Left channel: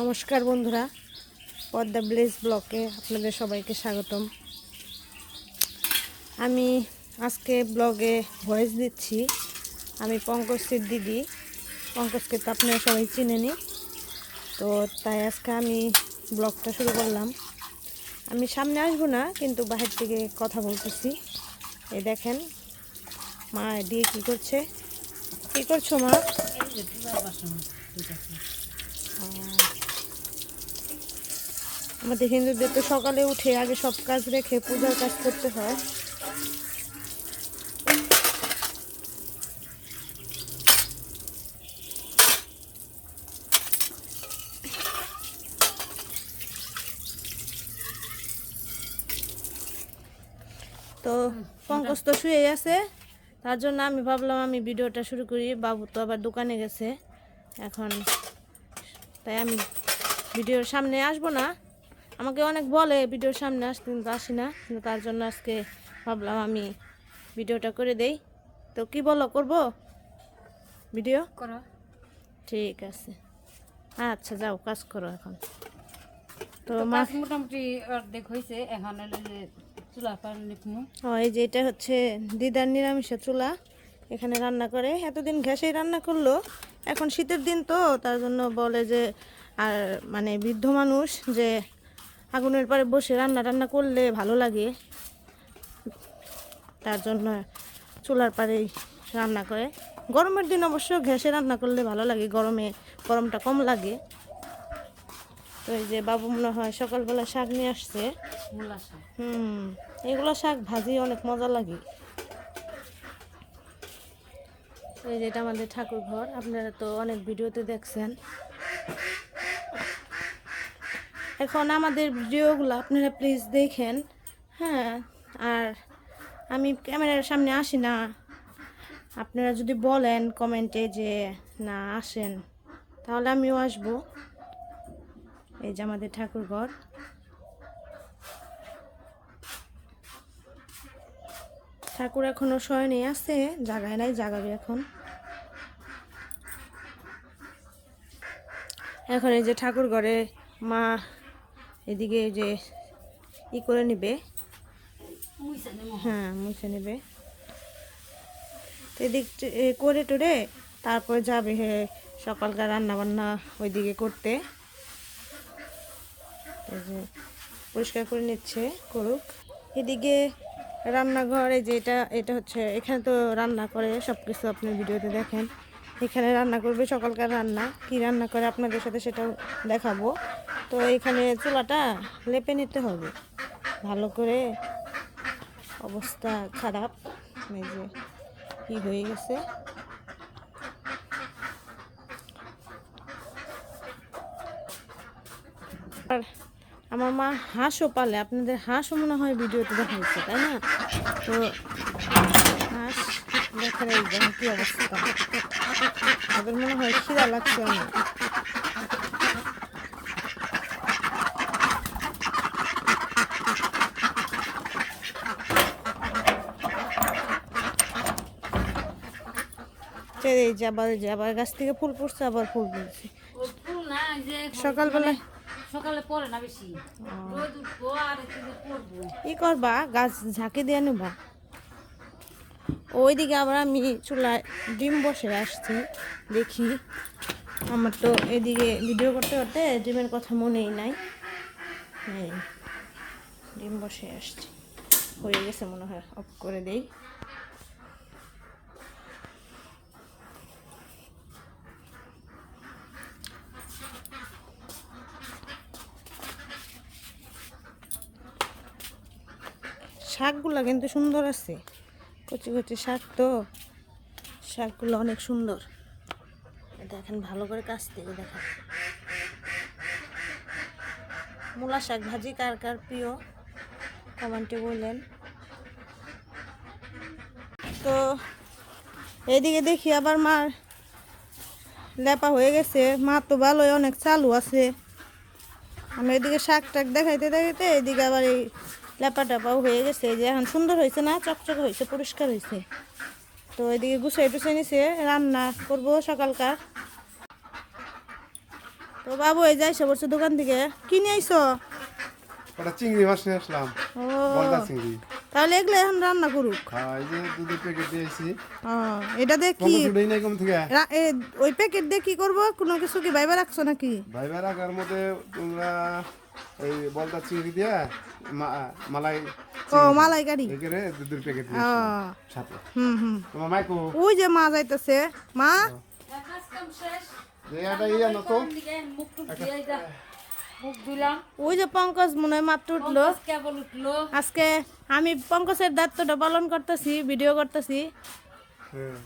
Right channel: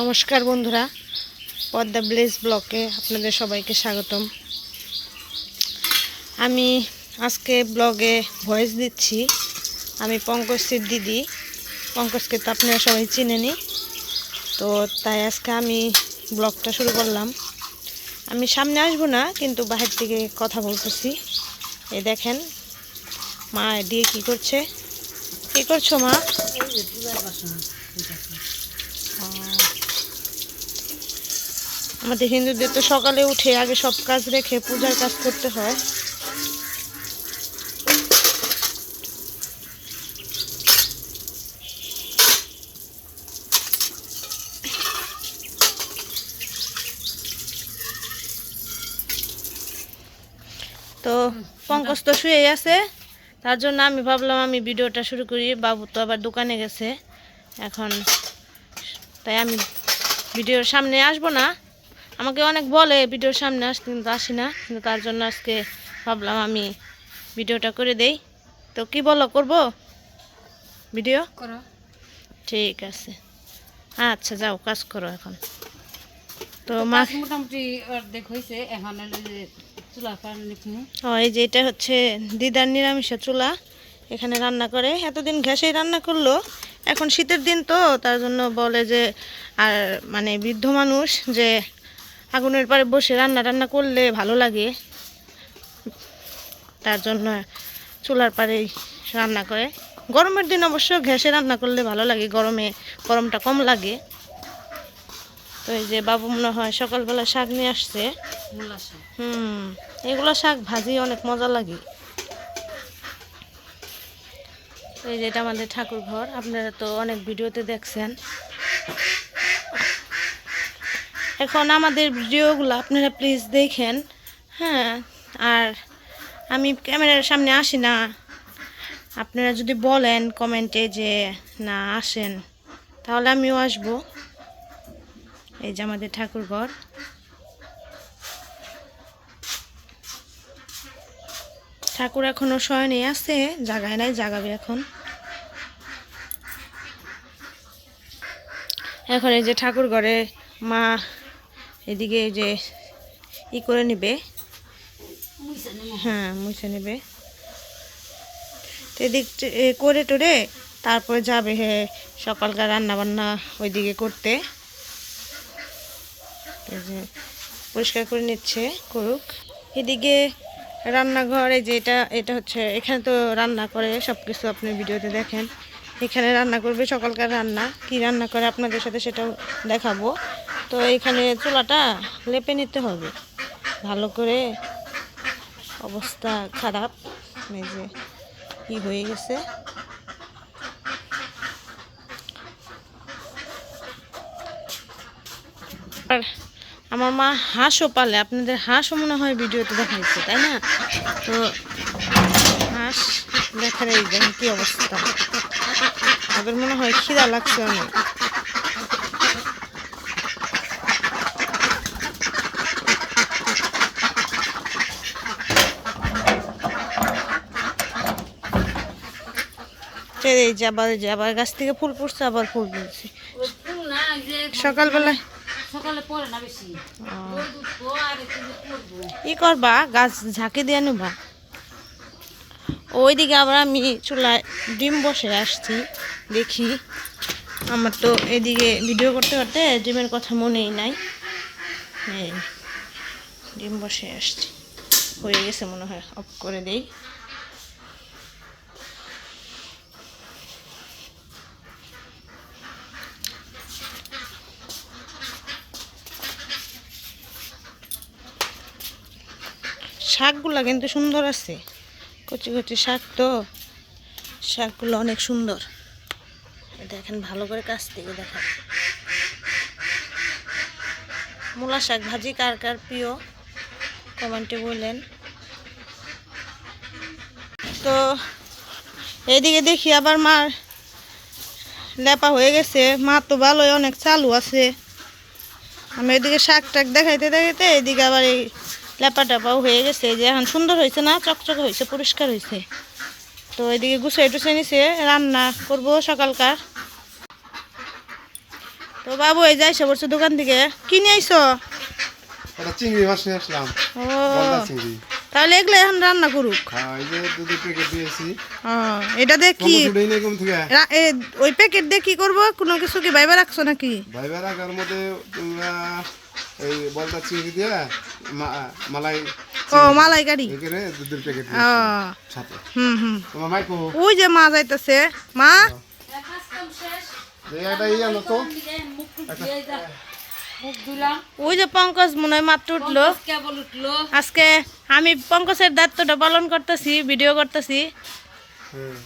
নমস্কার বন্ধুরা, পদ্মা ব্লেজ ব্লকে আপনাদের সবাইকে স্বাগতম। আমি আজকে ব্লগে ভয়েস দিচ্ছি। আমি পঙ্কজের দিদি। পঙ্কজকে তো আপনারা সবাই চিনেনি, তো তাই আজকে আমি ব্লগটা শুরু করলাম। আমি সামনে আসবো না, কিন্তু বাহির থেকে কথা বলতেছি। এই দেখেন মা দিয়ে কি করছে। কি করছো মা? আমাদের হিন্দুদের তো সকালে উঠে আগে সব কাজ রেখে পূজার কাজ করতে হয়। তো পঙ্কজ তো শুয়ে আছে, তার জন্য আমি ভাবলাম আমি ভিডিওটা শুরু করি। বাবু তো আবার দোকানে গেছে এখন, তাই আমি ভিডিওর সামনে আসবো না। আমাকে অনেক বলে ভিডিওর সামনে আসতে, কিন্তু আসি না। কিন্তু তার জন্য আজকে ভাবলাম আমি ভিডিওটা করে দেই। তো কি বলো, করব ভিডিও? করো, ঠিক আছে। আচ্ছা যাও কাজ করো এখন। তো মা মোটামুটি অর্ধেক হয়েছে, এখন চুলা এই যে এটা হচ্ছে দিদার নিরামিষের চুলা, এখানে রান্না করে। এতদিন গ্যাসেই রান্না করলো, এখন শীতের দিন তো তার জন্য বলে যে, আর মানে বৃদ্ধ মানুষ যে আগুনের পাড়ে বসে রান্না করলে ভালো লাগে, তার জন্য চুলার পাড়েই রান্না করে। গরমের দিন অবশ্য গ্যাসে রান্না করলে ভালো লাগে, গরমটা কম লাগে। তো এই যে বাবু মনে হয় সকালবেলা শাক নিয়ে আসছে। এগুলো শাক ভাজি অনেক মজা লাগে। এই যে এটা আমাদের ঠাকুর ঘর, আপনারা তো অনেক ভিডিওতে দেখছেন। এখন আমাদের ভিডিওগুলো আপনারা প্লিজ দেখেন, হ্যাঁ। আর আমি ক্যামেরার সামনে আসি না, আপনারা যদি বলেন কমেন্টে যে না আসেন, তাহলে আমিও আসব। এই যে আমাদের ঠাকুর ঘর। ঠাকুর এখনো শয়নে আছে, জাগায় নাই, জাগাবে এখন। এখন এই যে ঠাকুর ঘরে মা এদিকে যে ই করে নিবে, হ্যাঁ মুছে নেবে। এদিক করে টোরে তারপরে যাবে সকালকার রান্না বান্না ওইদিকে করতে। এই যে পরিষ্কার করে নিচ্ছে, করুক। এদিকে রান্নাঘর, এই যে এটা হচ্ছে, এখানে তো রান্না করে সব কিছু আপনি ভিডিওতে দেখেন। এখানে রান্না করবে, সকালকার রান্না কি রান্না করে আপনাদের সাথে সেটাও দেখাবো। তো এখানে চুলাটা লেপে নিতে হবে ভালো করে, অবস্থা খারাপ, এই যে কি হয়ে গেছে। আর আমার মা হাঁসও পালে, আপনাদের হাঁসও মনে হয় ভিডিওতে দেখাইছে, তাই না? তো হাঁস দেখার এই দেখেন কি অবস্থা, ওদের মনে হয় খিদা লাগছে অনেক। এই যে আবার গাছ থেকে ফুল পড়ছে, আবার ফুল পড়ছে সকালবেলায়। সকালে পরে না বেশি ই করবা, গাছ ঝাঁকে দিয়ে নেবা। ওইদিকে আবার আমি চুলায় ডিম বসে আসছি, দেখি। আমার তো এদিকে ভিডিও করতে করতে ডিমের কথা মনেই নাই। ডিম বসে আসছি, হয়ে গেছে মনে হয়, অফ করে দেই। শাকগুলো কিন্তু সুন্দর আছে, কচি কচি শাক, তো শাকগুলো অনেক সুন্দর। দেখেন ভালো করে কাছ থেকে দেখেন। মূলা শাক ভাজি কার কার প্রিয় কমেন্টে বললেন। তো এইদিকে দেখি আবার মার লেপা হয়ে গেছে। মা তো ভালোই অনেক চালু আছে। আমি এদিকে শাক টাক দেখাইতে দেখাইতে এদিকে আবার এই লেপা টেপাও হয়ে গেছে, যে এখন সুন্দর হয়েছে না, চকচকে হয়েছে, পরিষ্কার হয়েছে। তো এদিকে গুছিয়ে টুছিয়ে নিছে, রান্না করব সকালকার। তো বাবু এই যাই সে বলছো দোকান থেকে কিনে আইছো? ওটা চিংড়ি মাছ নিয়ে আসলাম, ও গলদা চিংড়ি। তাহলে এগুলো এখন রান্না করুক। হ্যাঁ, এই যে দুধের প্যাকেট দিয়েছি। ও এটা দিয়ে কি উঠেই নাই কোন থেকে। ওই প্যাকেট দিয়ে কি করবো? কোনো কিছু কি বাইবা রাখছো নাকি? ভাইবার আগার মধ্যে তোমরা এই বলদা চিংড়ি দিয়ে মালাই ও মালাইকারি। এখানে দুধের প্যাকেট ও সাথে। হুম। তোমার মাইকো ওই যে মা যাইতেছে, মা এটা ইয়ে আনো তো। মুখ ধুলাম, ওই যে পঙ্কজ মনে হয় মাত্র উঠলো। কেবল উঠলো। আজকে আমি পঙ্কজের দায়িত্বটা পালন করতেছি, ভিডিও করতেছি। হ্যাঁ,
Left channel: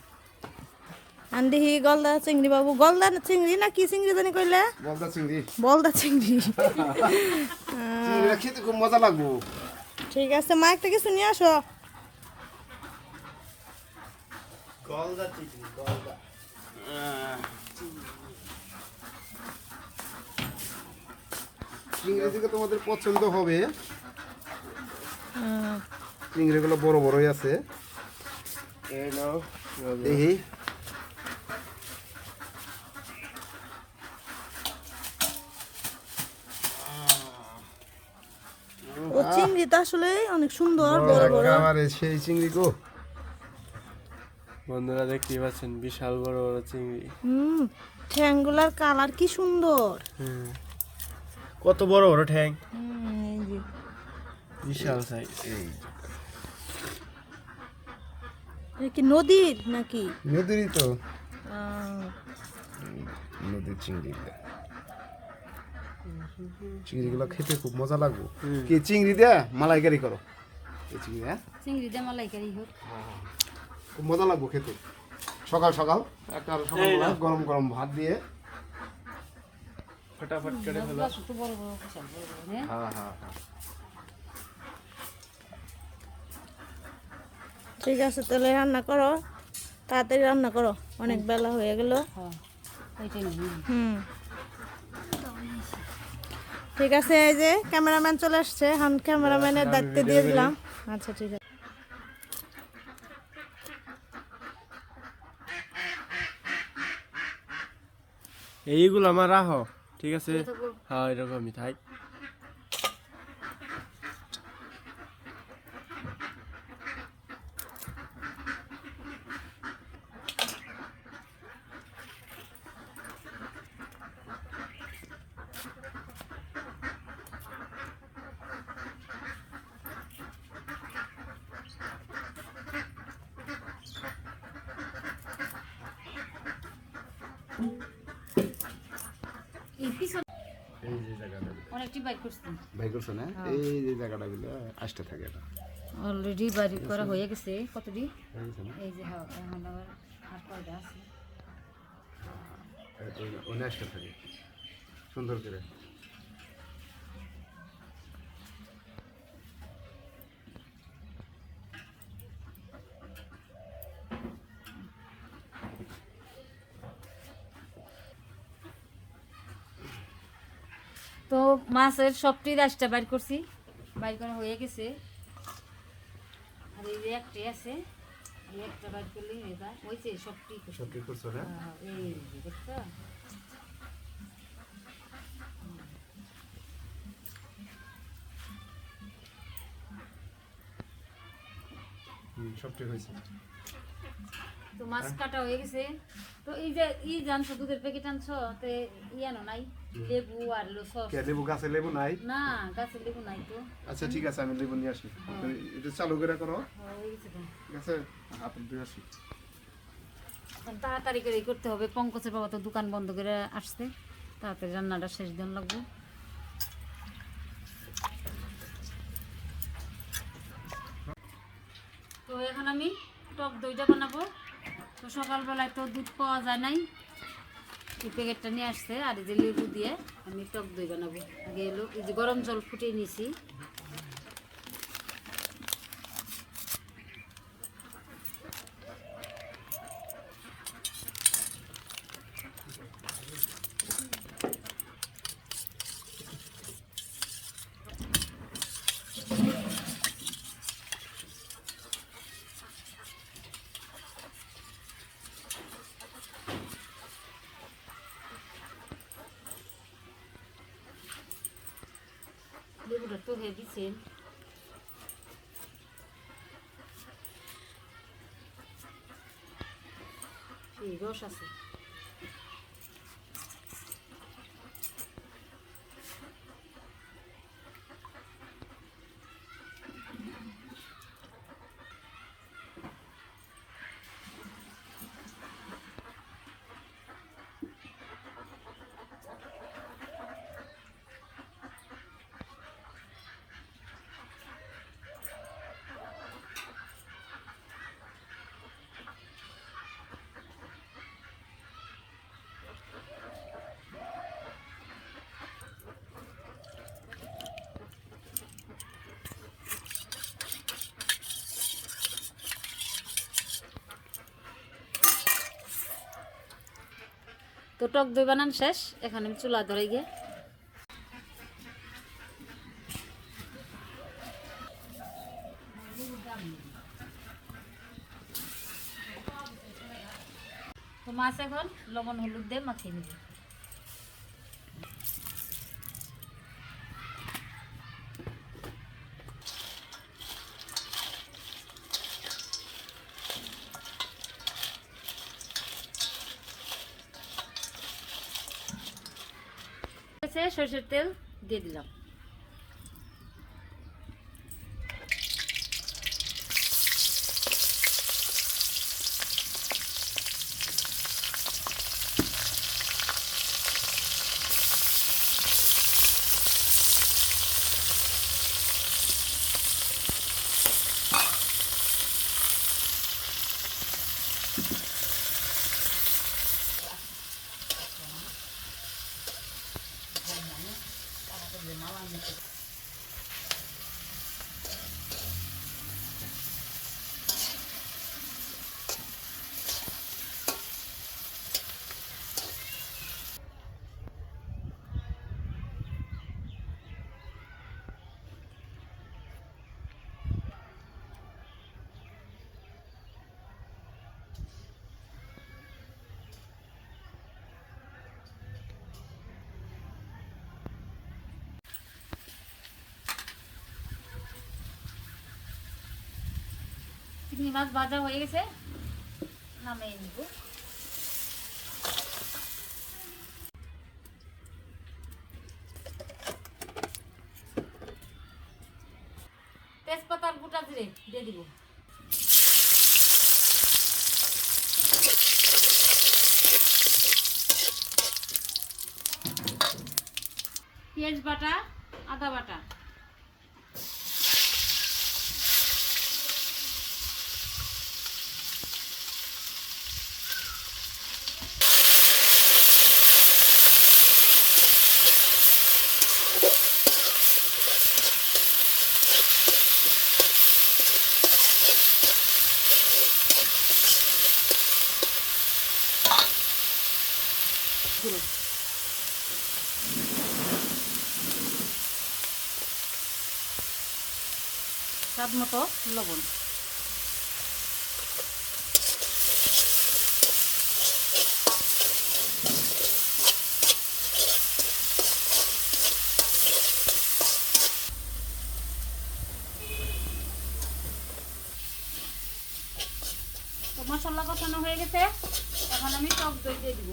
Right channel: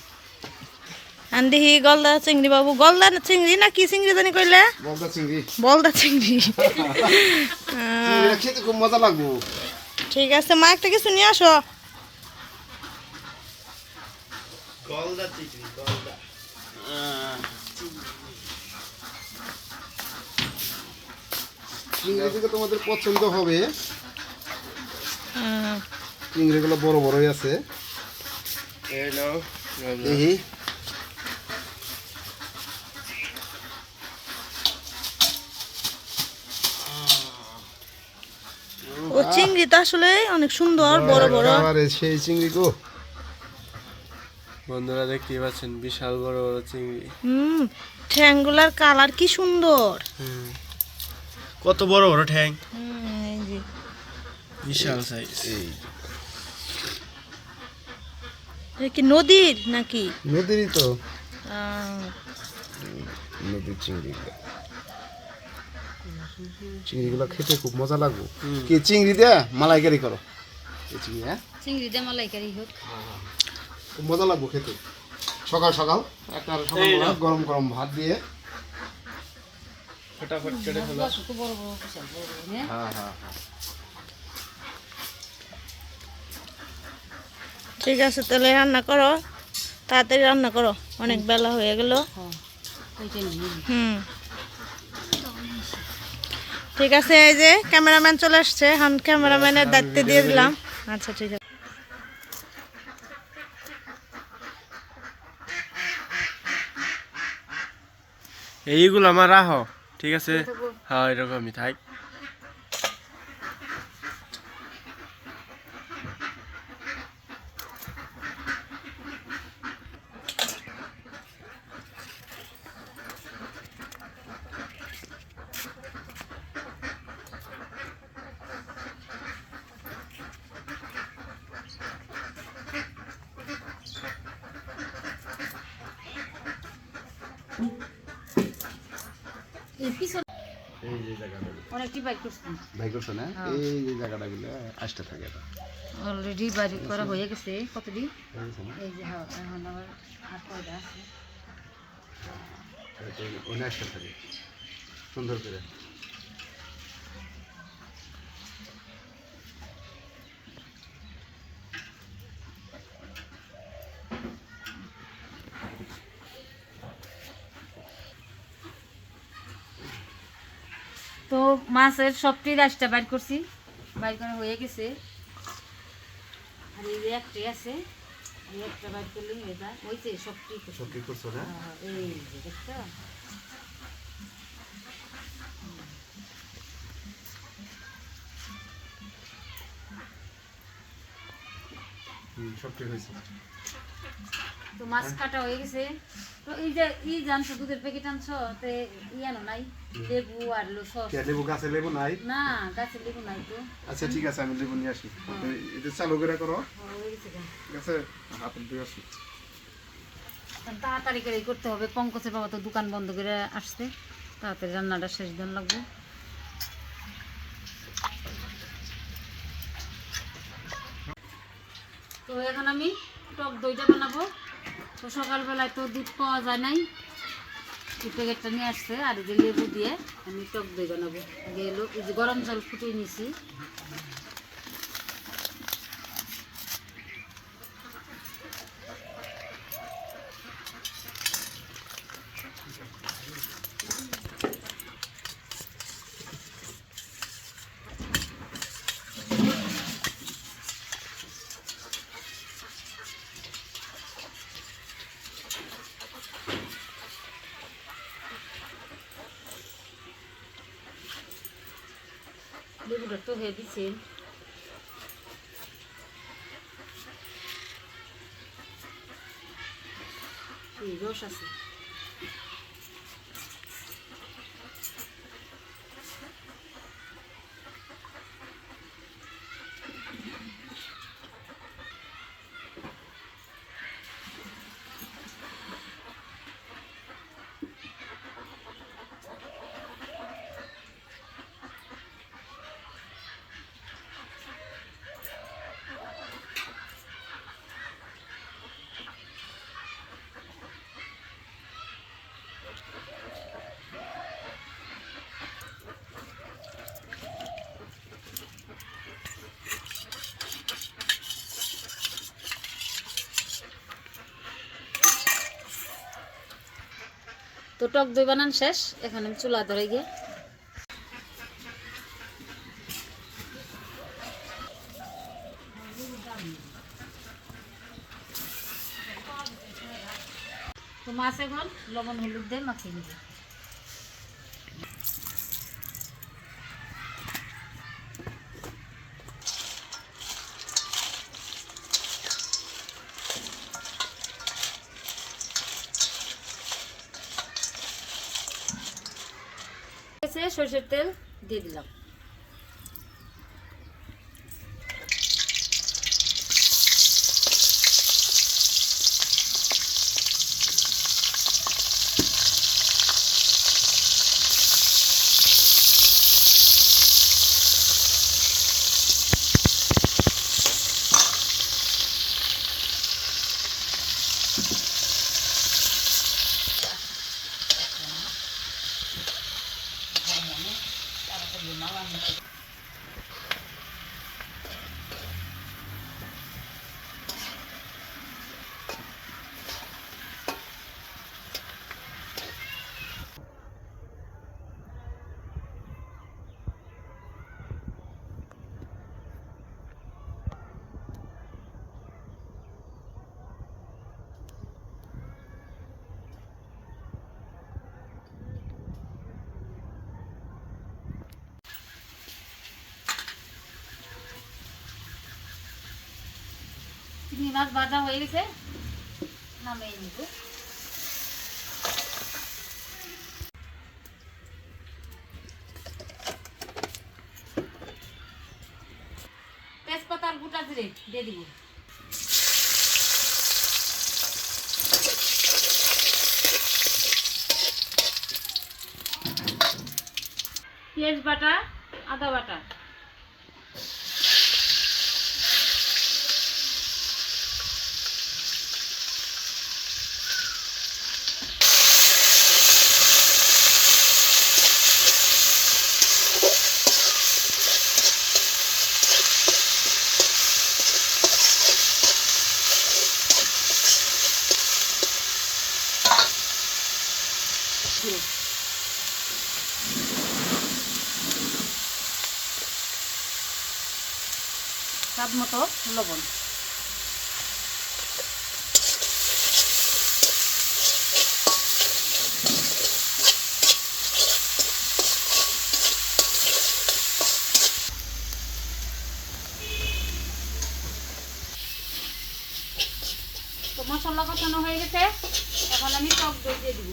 আন্দিহি গলদা চিংড়ি বাবু, গলদা চিংড়ি না কি চিংড়ি জানি কইলে? বলদা চিংড়ি। বলদা চিংড়ি। চিংড়িটা খেতে খুব মজা লাগবো। ঠিক আছে মা একটা কিছু নিয়ে আসো। গলদা চিংড়ি, গলদা। চিংড়ি থেকে তোমাদের পছন্দ হবে। চিংড়িগুলো বড় বড়ই আছে। দেখি ও চিংড়ি তো আসলে অনেক সুন্দর, বড় বড়। আরে সেই চিংড়ি গো। বন্ধুরা দেখতেই পাচ্ছেন বিশাল বড় বড় চিংড়ি। ঠ্যাংগুলার কালার কি সুন্দর। কত বড় বড় ঠ্যাং, এই যে বিশাল সাইজ। এটা কি নদীর নাকি? নদীরই তো, আহ, নদীর চিংড়ি। চিংড়িগুলো খেতে খুব মজা লাগবে। কি চিংড়ি দিয়ে মালাইকারি করো? এই চিংড়ি, হ্যাঁ, চিংড়ি দিয়ে মালাইকারি হোক। খুব মজা লাগবে খেতে। সকাল সকাল একটা সকালবেলা গরম গরম ভাত দিয়ে। ফটাফট কেটে ফেলো। কত বড় বড়, বিশাল বড় বড়, হ্যাঁ? হ্যাঁ হ্যাঁ হ্যাঁ। ঠিক আছে তাহলে রান্না করো, তাড়াতাড়ি রান্না করো, অনেক বেলা হয়ে গেল। হ্যাঁ, ওইটাই নিয়ে নিই। হুম ঠিক আছে, এই যে ক্যামেরাম্যান চলে আসছে, এখন ক্যামেরাম্যানের দায়িত্ব দিয়ে দিলাম। আচ্ছা ঠিক আছে। এইগুলো আমার রাখো, ঠিক আছে? হ্যাঁ এরকমই থাক। এই পিছন এই যে জায়গাটা অনেকটি বাইক করছি, ভাই করছো না? এই যে জায়গাটা গুলো আসতে থাকে এটা। অলরেডি বাড়ি করা হয়ে গেছে। কতদিন বুঝছো না? এই যে হ্যাঁ, এখন আবার হাত পাওয়া আছে। এটা ওই আসতে থাকে সুন্দর করে। তো মাছের সবটি রাইসটা বাইর করছি, বাইর করা হয়ে গেছে। আর এই যে একটি আছে, এই একটা বাইর করলে এটা হয়েছে সবটি। সব কি করছো না? এই যে দেখছো, সব ঠিক হয়েছে। তো মাছ কাটা হয়ে গেছে। তো এই যে জানছো দুধের প্যাকেট আনছো, তো আনো নাই লেবু আর সস? লেবু গাছে লেবু নাই? না, গাছের লেবু নাই তো। আচ্ছা ঠিক আছে, আমি লেবু নিয়ে আসি। তুমি এটা চালু করে করো, হয়ে গেছে গা। ঠিক আছে? আপনি দিয়ে আসি। এখন তাড়াতাড়ি করে করতে হবে, পঙ্কজের বাবা তো দোকান বন্ধ করে আসছে, তাড়াতাড়ি রান্নাটা শেষ দেন লাগবে। তো এখন আমি টক দইটা বানাবো। তো সকালবেলায় তো দুধ পাওয়া যায় নাই, এই প্যাকেটটা নিয়ে আসছে, আর এই যে লেবু দিয়ে আমি টক দই বানাবো। আগে এলো এই যে গরম জল ফুটিয়ে নিয়েছি। লেবুটা তো হেভি সেল। রস আছে। তো টক দই বানান শেষ, এখন আমি চুলা ধরে গিয়ে তো মাছ এখন লবণ হলুদ দিয়ে মাখিয়ে নিব। সরষের তেল দিয়ে দিলাম। চিংড়ি মাছ ভাজা হয়ে গেছে, নামিয়ে নিব। তেজপাতার গোটা জিরে দিয়ে দিব। পেঁয়াজ বাটা, আদা বাটা, স্বাদ মতো লবণ। তো মশলা কষানো হয়ে গেছে, এখন আমি টক দই দিয়ে দিব।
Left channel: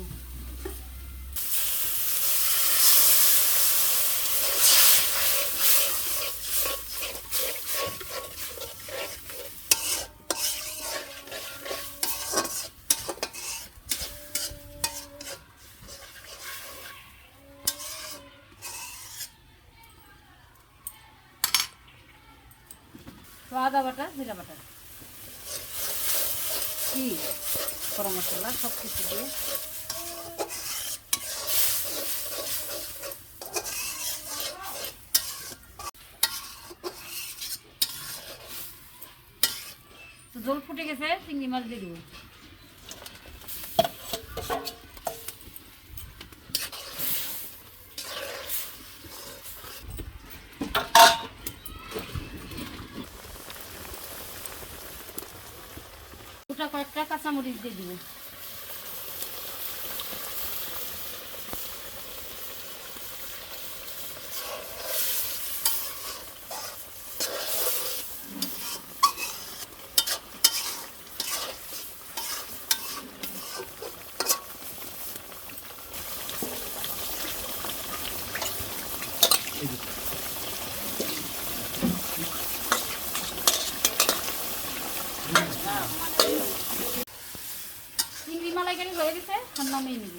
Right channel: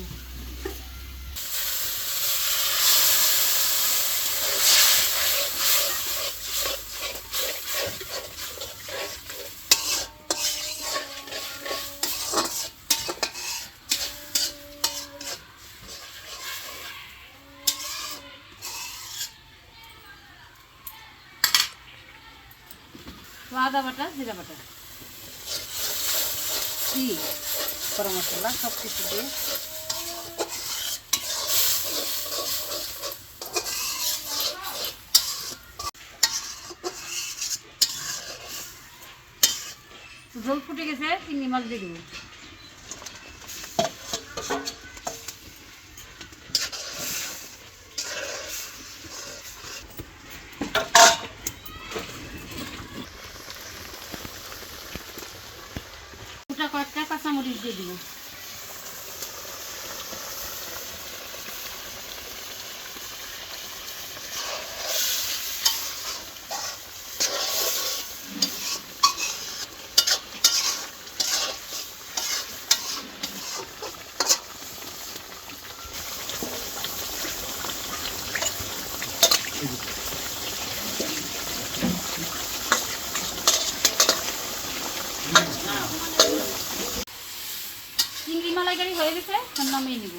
আদা বাটা, জিরা বাটা, ঘি, গরম মশলা সব কিছু দিয়ে জল ফুটে গেছে, চিংড়ি মাছ দিয়ে দেবো। কয়েকটা কাঁচামরিচ দিয়ে দিব। চিংড়ি মালাইকারি হয়ে গেছে, এখন নামিয়ে নিব।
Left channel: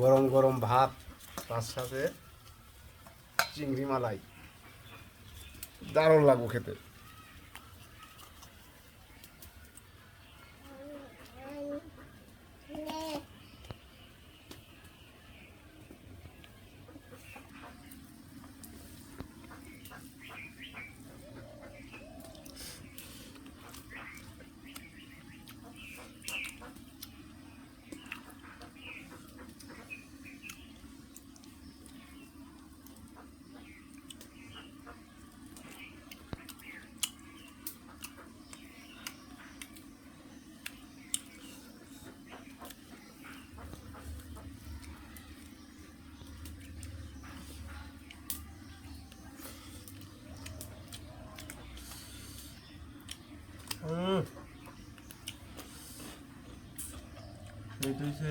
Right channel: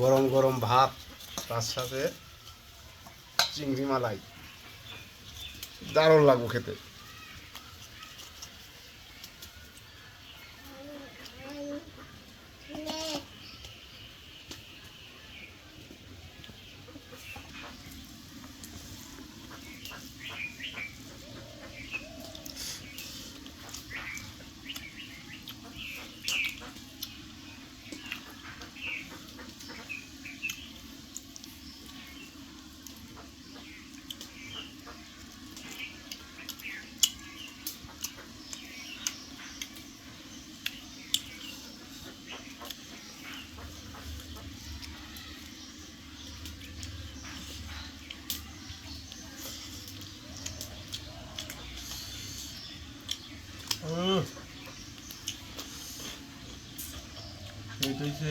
গরম গরম ভাত, তার সাথে চিংড়ি মালাই, দারুণ লাগবে খেতে। এই তো হইছে।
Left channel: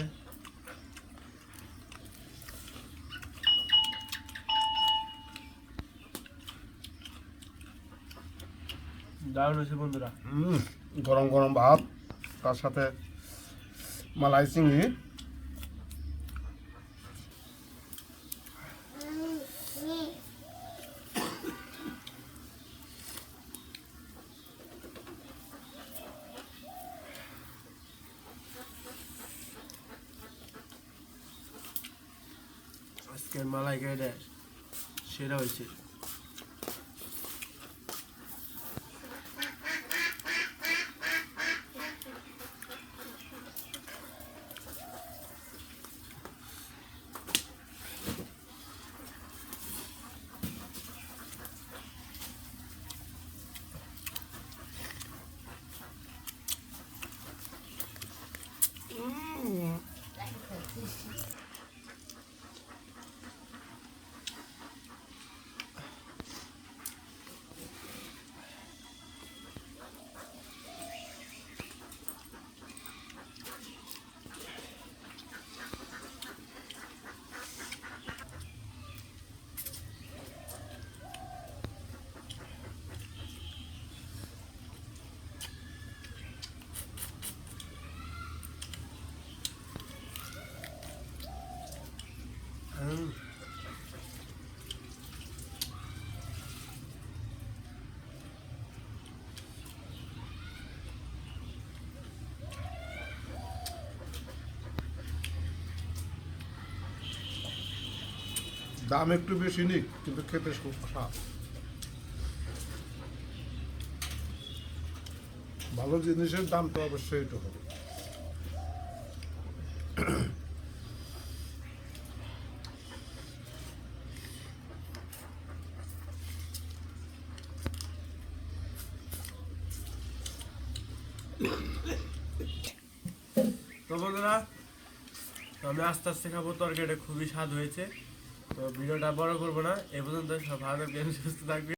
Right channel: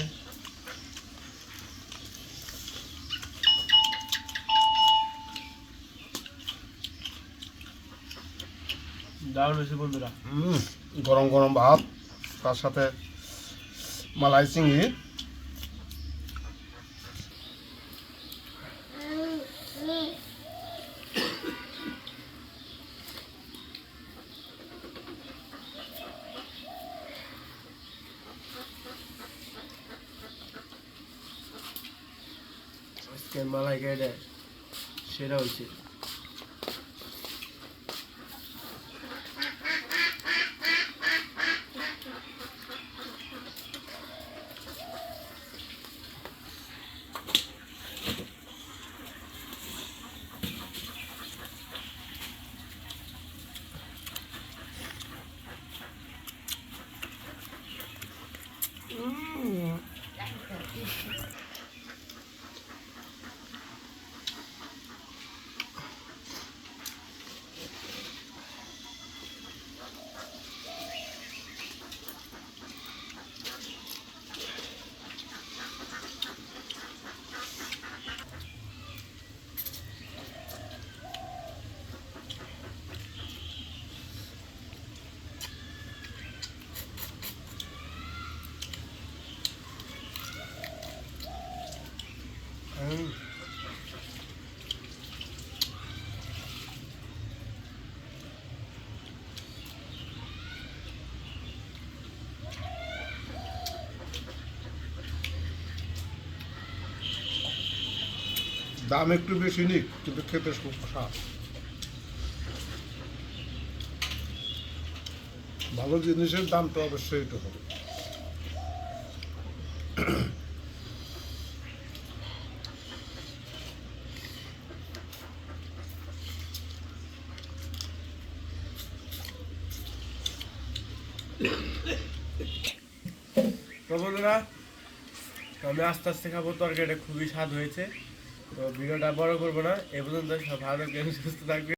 দারুণ হয়েছে বন্ধুরা। গরম গরম ভাত, তার সাথে মালাই চিংড়ি। আজকের মালাইকারিটা সেরা হয়েছে। দাম একটু বেশি নিক, কিন্তু খেতে খুব স্বাদ। ভালো জিনিসের দাম তো অবশ্যই তো হবে। তো বন্ধুরা, আমি আস্তে আস্তে খাবো। তরকারিটা খুবই স্বাদ হয়েছে। তো ভিডিওটা বড় করবো না, এ পর্যন্ত সব ভালো থাকবেন, সুস্থ থাকবেন।